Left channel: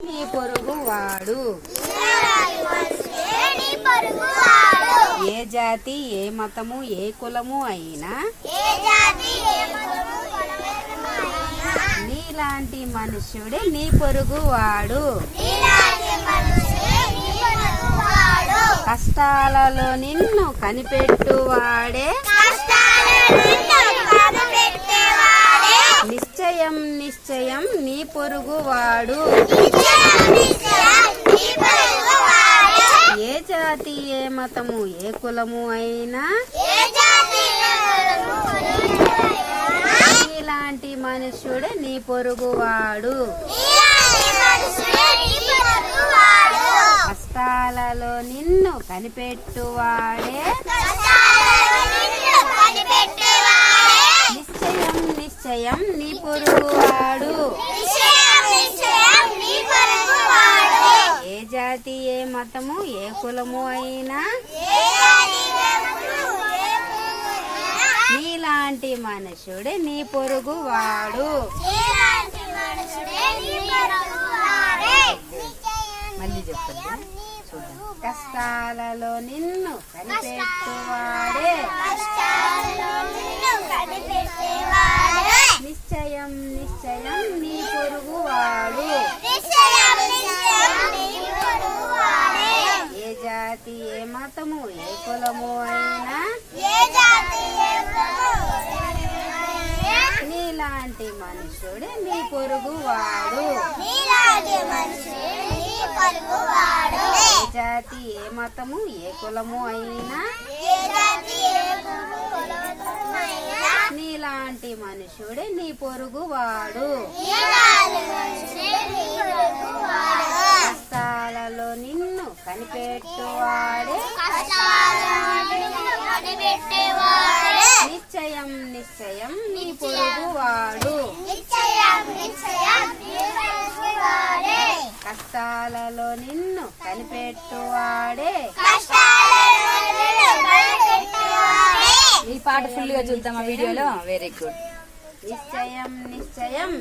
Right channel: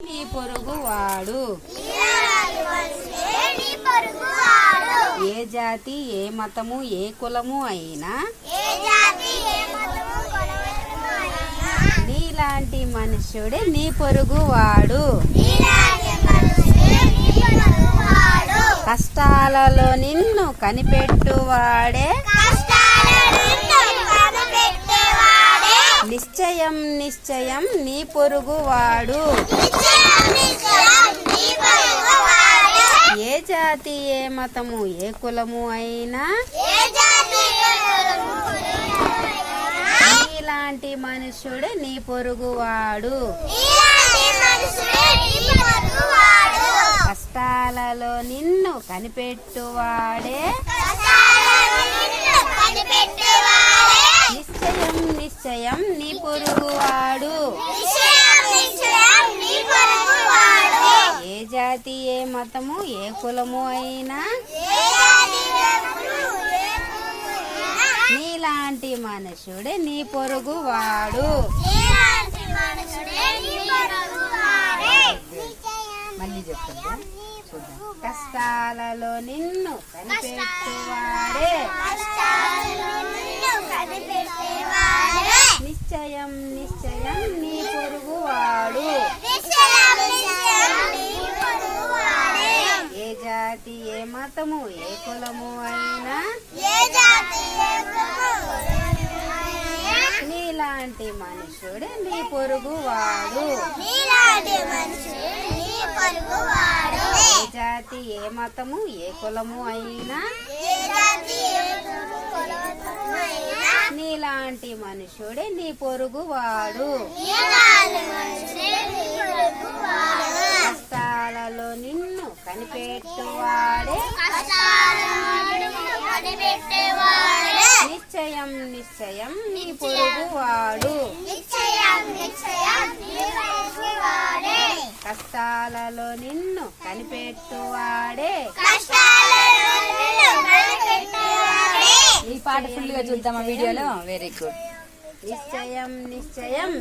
నీ పొరుగు వాడు ఏ జాతి ఏ మతము ఏ కులము అయినా నీలాంటి మనుష్యుడే నీ పొరుగు వాడు కష్టాలలో నిన్ను కనిపెట్టువాడే నిశ్చయం నిశ్చయం నీ పొరుగు వాడు ఏ జాతి ఏ మతము ఏ కులము అయినా ఇలాంటి మనుష్యుడే నీ పొరుగు వాడు కష్టాలలో నిన్ను కనిపెట్టువాడే నిశ్చయం నిశ్చయం నీ పొరుగువాడు ఏ జాతి ఏ మతము ఏ కులము అయినా నీలాంటి మనుషుడే నీ పొరుగువాడు మళ్ళీ చెప్తా చూద్దాం కష్టాలలో నిన్ను కనిపెట్టువాడే నిశ్చయం నిశ్చయం నీ పొరుగువాడు ఏ జాతి ఏ మతము ఏ కులము అయినా నీలాంటి మనుషుడే నీ పొరుగువాడు ఏ జాతి ఏ మతము ఏ కులము అయినా నీలాంటి మనుషుడే నీ పొరుగువాడు కష్టాలలో నిన్ను కనిపెట్టువాడే నిశ్చయం నిశ్చయం నీ పొరుగువాడు కష్టాలలో నిన్ను కనిపెట్టువాడే ఈ పాట ఫుల్ గా చూద్దామా వీడియోలో. Very good. నిశ్చయం నిశ్చయం